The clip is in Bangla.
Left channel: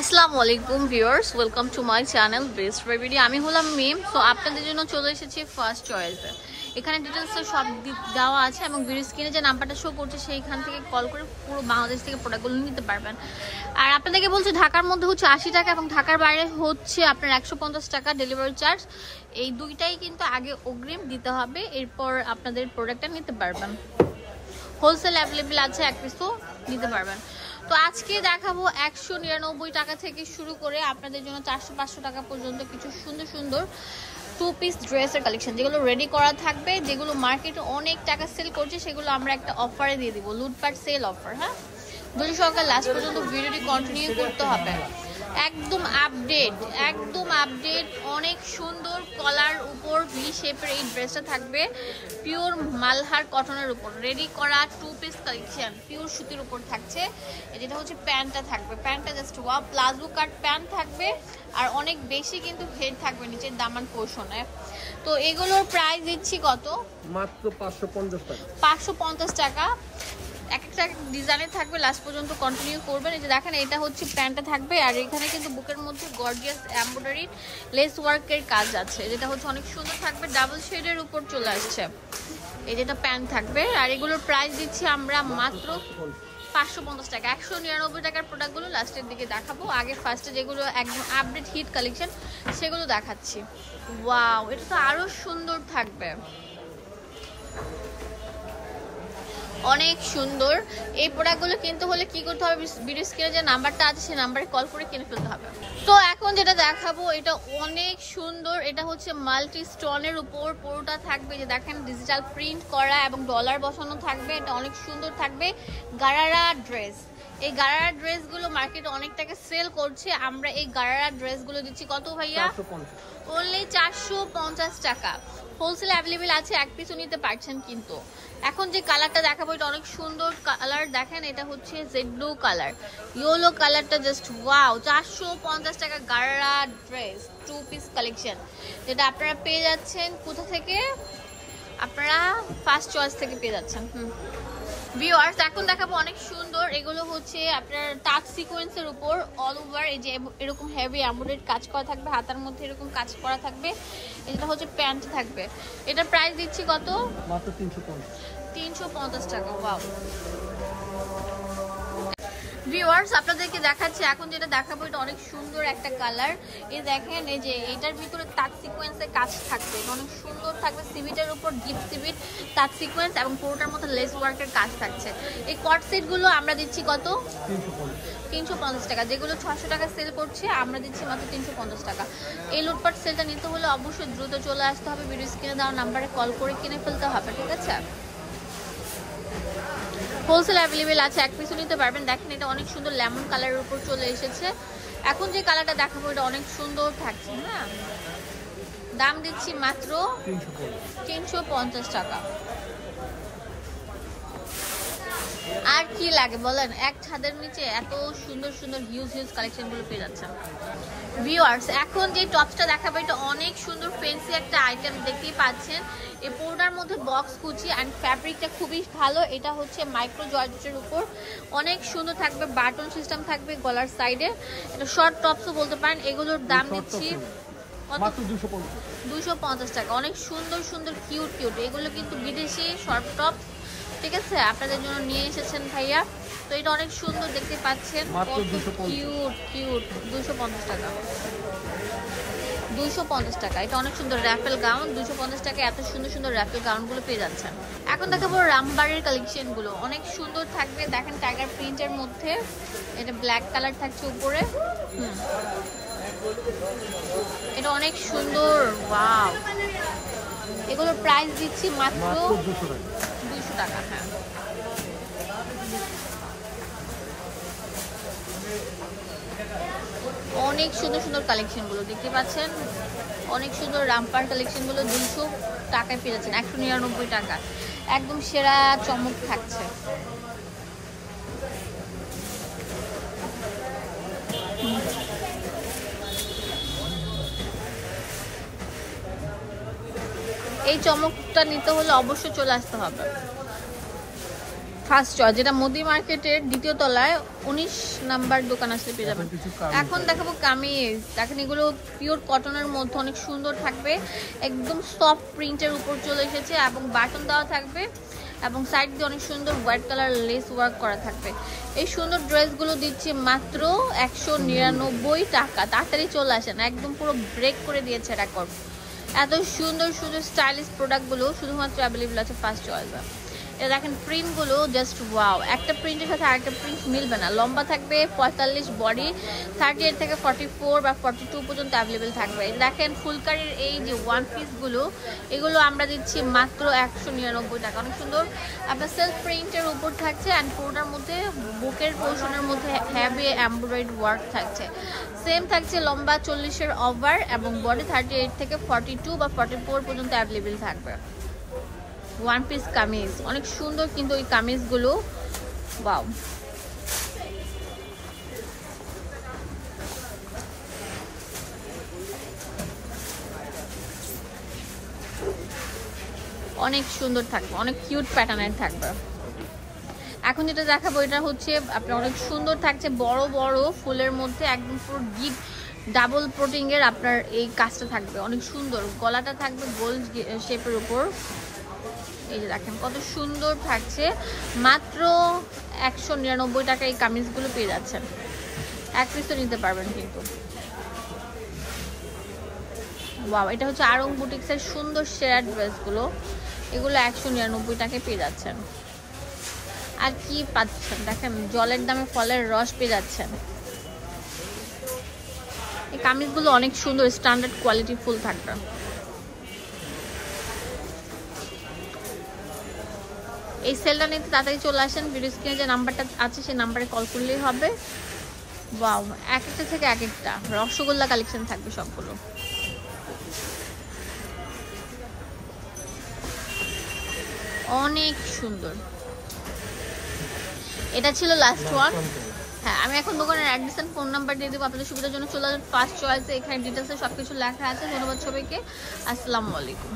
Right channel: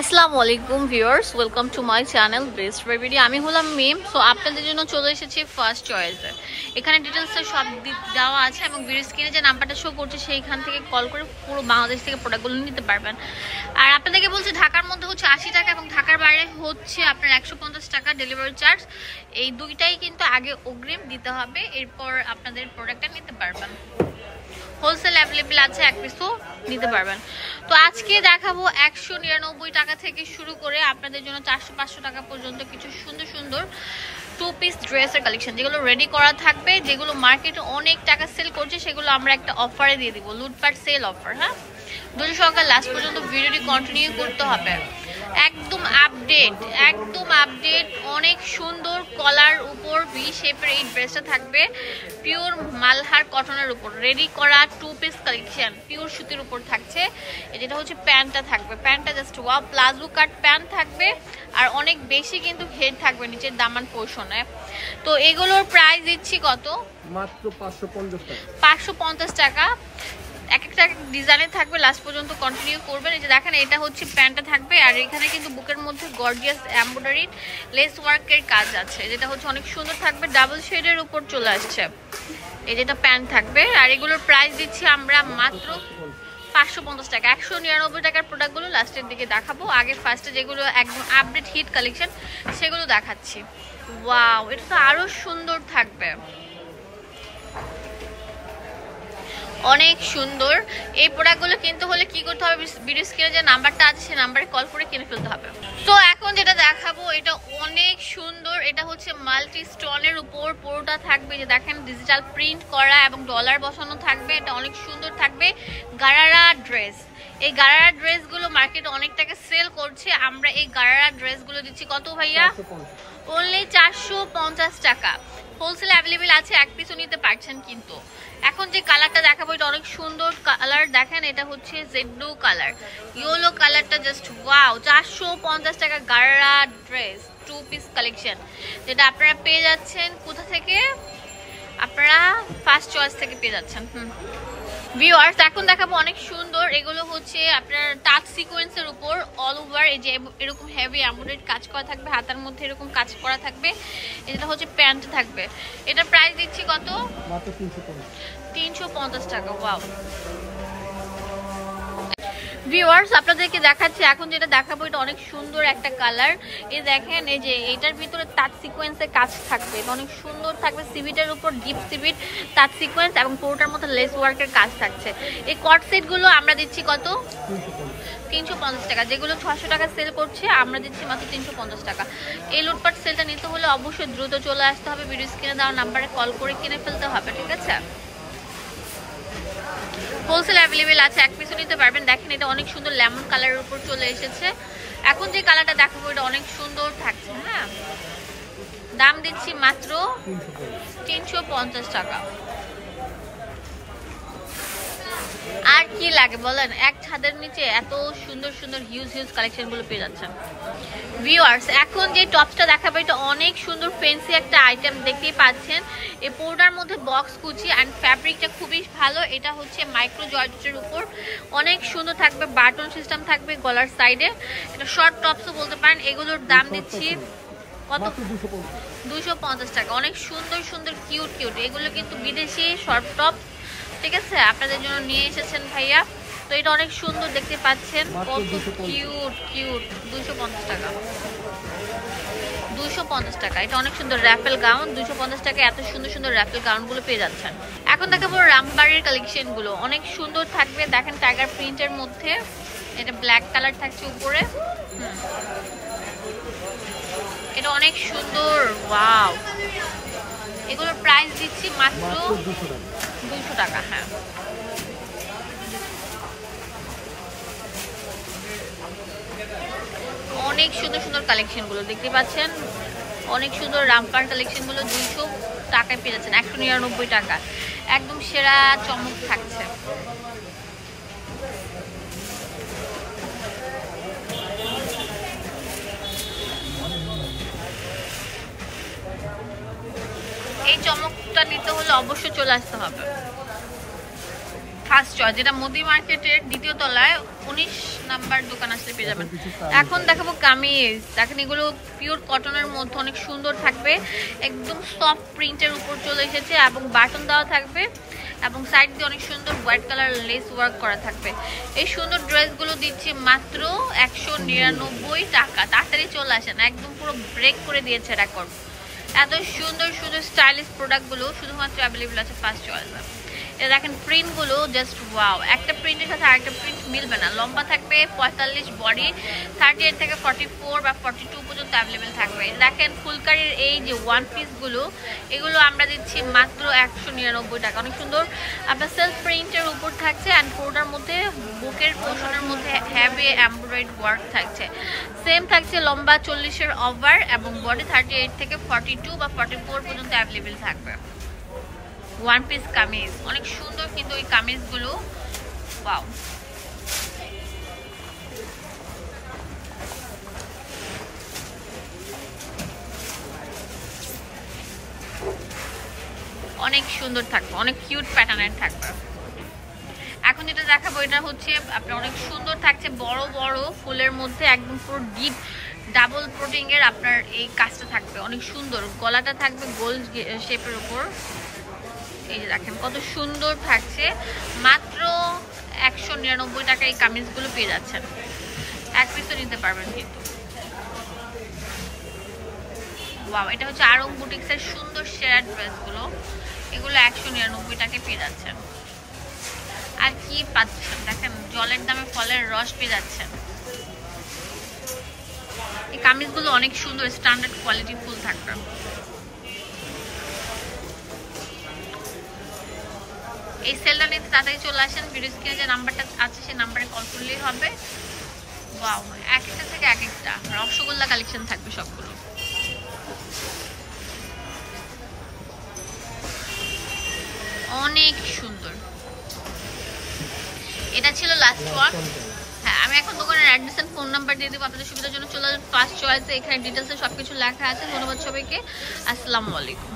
আসসালামু আলাইকুম viewers, welcome to my channel best baby. আমি হলাম মিম। সো আপনাদের জন্য চলে এসেছি ফার্স্ট চয়েসে। এখানে ডিটেলস সব দেওয়া আছে এবং ভিডিও স্ক্রিনে যে নাম্বারটা শো করছে সেইখান থেকে কল করে পুরো বাংলাদেশ থেকে প্রোডাক্টগুলো নিতে পারবেন। আর আপনাদেরকে বলছি ঢাকার মধ্যে হচ্ছে 80 টাকা এবং ঢাকার বাইরে হচ্ছে আপনার 150 টাকা ডেলিভারি চার্জ। এই দুইটাই কিন্তু আগে অগ্রিম দিতে হবে, এরপর আপনাদের প্রোডাক্টটা নিতে পারবেন। হোলসেল অ্যাভেলেবেল আছে, এক পিসও নিতে পারবেন। তো আজকে দেখাবো 199 টাকা থেকে শুরু করে আপনাদের জন্য 400-500 টাকা পর্যন্ত কিছু সুন্দর সুন্দর টু পিস ড্রেসের কালেকশন, যেগুলো রেডি করা থাকবে, যেগুলো মার্কেটে অনেক টাকা সেল করছে, সেগুলো আমরা একটা অফারে দিয়ে দিব, লুটপাট সেল অফার। হ্যাঁ, ধৈর্য সহকারে লাস্ট পর্যন্ত ভিডিওটি কন্টিনিউ করতে হবে। একদম আপডেট অনেক সুন্দর কলার উপর ভি শেপের এই ড্রেসটা থাকবে পিওর মালহার কটনের উপর রেডি করা টু পিস কালেকশন, পিওর সুতির উপর থাকছে। যেটা হচ্ছে প্যান্টটা থাকবে, প্যান্টটা জাস্ট ওয়াও, প্লাজো কাট প্যান্ট থাকবে আর অনেক বেশি কিন্তু হেড থাকবে নিচের দামান পোর্শনে। তো এগুলোর প্রাইস দিচ্ছি কত? মাত্র 550 টাকা। এক একটা ডিজাইনের থাকবে, লাস্ট পর্যন্ত কন্টিনিউ করবেন। এই যে দেখেন, এটা হচ্ছে প্যান্টটা থাকবে আর এখানে কিন্তু বুকের মধ্যে গর্জিয়াস এমব্রয়ডারি লেস ওয়ার্কের কাজ আছে, যেটা হচ্ছে অনেক সুন্দর থাকবে, ডাবল শেডের উপর চলে আসছে। এই যেটা প্যান্ট থাকবে আর এগুলোর প্রাইস দিচ্ছি আমরা মাত্র 550 টাকা। 199 টাকার প্রোডাক্টগুলো লাস্টের দিকে দেখাবো, আগে ফার্স্টে যেগুলো একদম আপডেট হিট কালেকশন সেগুলো দেখাচ্ছি। ওয়াও, এটা তো আরো সুন্দর থাকবে, অনেক সুন্দর। এই প্রোডাক্টগুলো কিনতে হলে কি করতে হবে? ভিডিও স্ক্রিনে যে নাম্বারটা আছে সেই নাম্বারে কল করে কিনে ফেলতে হবে। তো এখন যেটা দেখাবো এটা অনেক সুন্দর, এটা হচ্ছে মাল্টি স্টোনের উপর পুরোটা থাকবে। যে দেখেন, ডিজিটাল প্রিন্ট করা এবং ডলার বসানো থাকবে, এটা অনেক সুন্দর থাকবে। গারারা ড্রেস, এই গারারা ড্রেসগুলো মার্কেটে অনেক টাকা সেল করছে, আমরা এই গারারা ড্রেসগুলো দিচ্ছি কত ভাইয়া? অনলি 450 টাকা। হোলসেল অ্যাভেলেবেল আছে, এক পিসও নিতে পারছেন। কিন্তু এখন যে কালারটা দেখাবো এটা অনেক সুন্দর কালার, দেখেন এটা হচ্ছে জেড ব্লু কালার, ইয়েলো কালারটা জাস্ট ওয়াও। 450 টাকা gharara dress two piece collection, যেটা আপনারা পেয়ে যাচ্ছেন কোথা থেকে? আপনারা ফার্স্ট চয়েস থেকে পেয়ে যাচ্ছেন। ভিউয়ার্স, এখন দেখাবো অনেক সুন্দর, এগুলো হচ্ছে আপনার টাচ সিকোয়েন্সের উপর অল ওভার এই যে এরকম হেভি এমব্রয়ডারি কাজ করা থাকবে, হাতার মধ্যে এরকম কাজ করা থাকবে। এটা হচ্ছে প্যান্ট থাকবে, এটার প্রাইস দিচ্ছি কত? মাত্র 350 টাকা। ওয়াও ভিউয়ার্স, আপনাদেরকে দেখাচ্ছি এখন যেটা দেখাবো এটা অনেক সুন্দর একটা কালার। এই দেখেন, এই যে এটার ভিতরে টাচ সিকোয়েন্সের কাজ থাকবে, এটা অনেক সুন্দর থাকবে, সিভিটের উপর ডিপ সিভিট টাচ সিকোয়েন্স এবং পুরোটার মধ্যে লেস ওয়ার্কের কাজ থাকছে। এই কট সেট গুলো আমরা দিচ্ছি কত? 350 টাকা। যেগুলো 600 টাকা সেল করছে আমরা দিচ্ছি মাত্র 350 টাকা। এই লুটপাট সেলটা নিতে হলে অবশ্যই দ্রুত চলে আসতে হবে, ভিডিও স্ক্রিনে দেওয়া নাম্বারে কল করে কিনে ফেলতে হবে, ঠিক আছে? হোলসেল অ্যাভেলেবেল আছে, এক পিসও নিতে পারবেন। দেখেন, এটা অনেক সুন্দর লেমন কালারের উপর চলে এসেছে। এখন যে কালারটা দেখাবো এটা অনেক সুন্দর থাকছে। হ্যাঁ, দাম দিচ্ছি মাত্র 350 টাকা। আর কি লাগে বলেন? এক ছাদের নিচে এত সুন্দর সুন্দর হিউজ কালেকশন গুলো পেয়ে যাচ্ছেন। ভিউয়ার্স, এখন যে টপটা দেখাবো এটা অনেক সুন্দর ফ্যান্সি একটা আইটেম, দেখতেই পাচ্ছেন। এই পুরোটার মধ্যে বক্স কুচি অ্যান্ড ফ্যাব্রিকটা খুবই ভালো। এটা হচ্ছে মাইক্রো জর্জেটের উপর অনেক সুন্দর থাকবে, বাটন সিস্টেম থাকবে গলার সাইডে, এটা শর্ট টপসও বলতে পারেন। এগুলোর দাম দিচ্ছি 250 টাকা। অনেক সুন্দর সুন্দর কিউট এগুলো কিন্তু বিদেশি শর্ট টপ, ঠিক আছে? আপনাদের জন্য নিয়ে এসেছেন ভাইয়া। তো এটা অনেক সুন্দর, দেখতে পাচ্ছেন, কিউট 250 টাকা। 250 টাকা, এটা অনেক সুন্দর র্যাফেল গাউন। 250 টাকা এত সুন্দর সুন্দর র্যাফেল গাউন গুলো পেয়ে যাচ্ছেন। এখন দেখাবো রামবাড়ির কালেকশন গুলো, অনেক সুন্দর থাকবে। দেখেন, টাইগার প্রিন্টের মধ্যে এটা ব্ল্যাক কালার থাকছে উপরে। এটা অনেক সুন্দর, ওয়াও। এগুলোর প্রাইস দিচ্ছি মাত্র 200 টাকা। হ্যাঁ, অনেক সুন্দর সুন্দর কালেকশন গুলো দেখতে পাচ্ছেন, অনেক সুন্দর রামপার কালেকশন গুলো 200 টাকায় পেয়ে যাচ্ছেন। 199 টাকা, একদম সেরা চমক থাকছে। এই চমকটা নিতে হলে অবশ্যই চলে আসতে হবে। ফার্স্ট চয়েস, যেটা মোদি মার্কেটের দ্বিতীয় তলায় 19 নাম্বার দোকান আসলে পেয়ে যাবেন। এখন দেখাবো কামিজ। দেখেন এগুলো পিওর কটনের মধ্যে অনেক সুন্দর থাকবে, একদম সফট প্রিন্টের উপর চলে এসেছে এবং বাটন দেওয়া থাকবে এবং সাইড দিয়ে অনেক সুন্দর হোয়াইট কালার লেস ওয়ার্ক করা থাকবে। এই সুন্দর ড্রেসগুলো দিচ্ছি মাত্র 199 টাকা। তাড়াতাড়ি চলে আসেন, একদম পুরো ব্রেক করে দিয়েছে রেকর্ড। এত সুন্দর সুন্দর স্টাইলিশ প্রোডাক্টগুলো শুধুমাত্র অ্যাভেলেবল আছে ফার্স্ট চয়েসে। এটা দেখেন প্রিন্টগুলো জাস্ট ওয়াও, একটা প্রিন্টের সাথে আরেকটা প্রিন্ট মিলবে না। লম্বা থাকবে 45, বডি 38 থেকে 44 বা 42 পর্যন্ত অ্যাভেলেবেল থাকবে। দেখেন ফুলকারির এই যে ওয়ান পিসগুলো, এগুলো আমরা দিচ্ছি মাত্র 199 টাকা। অনেক সুন্দর আপনার সেলফ প্রিন্টের উপর থাকছে অ্যান্ড পুরোটার মধ্যে বুকের পোর্শনের মধ্যে হ্যাভি এমব্রয়েড ওয়ার্ক থাকছে। সেম থাকছে লম্বা 40-এর ওভার এবং বডি 38 থেকে 42 বা 44 পর্যন্ত অ্যাভেলেবেল থাকবে। ওয়ান পিস কামিজ অনেক সুন্দর কিন্তু এই কামিজগুলো ওয়াও। অনেক সুন্দর থাকবে, অনেক কিউট প্যাটার্নের থাকবে। এখন যেটা দেখাবো এটা হচ্ছে আপনার অনেক সুন্দর থাকছে, বড় বড় ফুলের মধ্যে একদম পুরো ডিপ ডাবল প্রোটিং এর আপনার এই কাজটা থাকবে, অনেক সুন্দর। গলাটা থাকবে গোল শেপের উপর। এই যে দেখেন কত সুন্দর থাকছে, মাত্র 199 টাকা এই কামিজগুলো পেয়ে যাচ্ছেন। এক পিসও নিতে পারবেন কিন্তু। ওয়াও, এটা হচ্ছে আরং বুটিক্সের সুন্দর শেয়ার ড্রেসগুলো, এগুলো 199 টাকায় পেয়ে যাচ্ছেন। আর কি পাচ্ছেন দেখেন, জলের দামে ফলের রস পেয়ে যাচ্ছেন। এই কামিজগুলো অনেক সুন্দর, স্ট্যান্ডার্ড কোয়ালিটি ফুল থাকবে। এই সেলটা নিতে তাড়াতাড়ি চলে আসেন, ভিডিও স্ক্রিনে যে নাম্বারটা আছে সেই নাম্বারে কল করলেই হবে। ওয়াও, এক একটা থেকে এক একটা রসগোল্লা কালেকশন থাকবে সবগুলো। অনেক সুন্দর। এটা ছিল লাস্ট ওয়ান। হ্যাঁ, আমি এখন দোকানের অ্যাড্রেস এন্ড ফোন নাম্বার দিয়ে দেবো আপনাদের সুবিধার জন্য। চলে আসুন ফার্স্ট চয়েসে, এখানে ডিটেলসে সবকিছু লেখা আছে। ধন্যবাদ সবাইকে, আসসালামু আলাইকুম।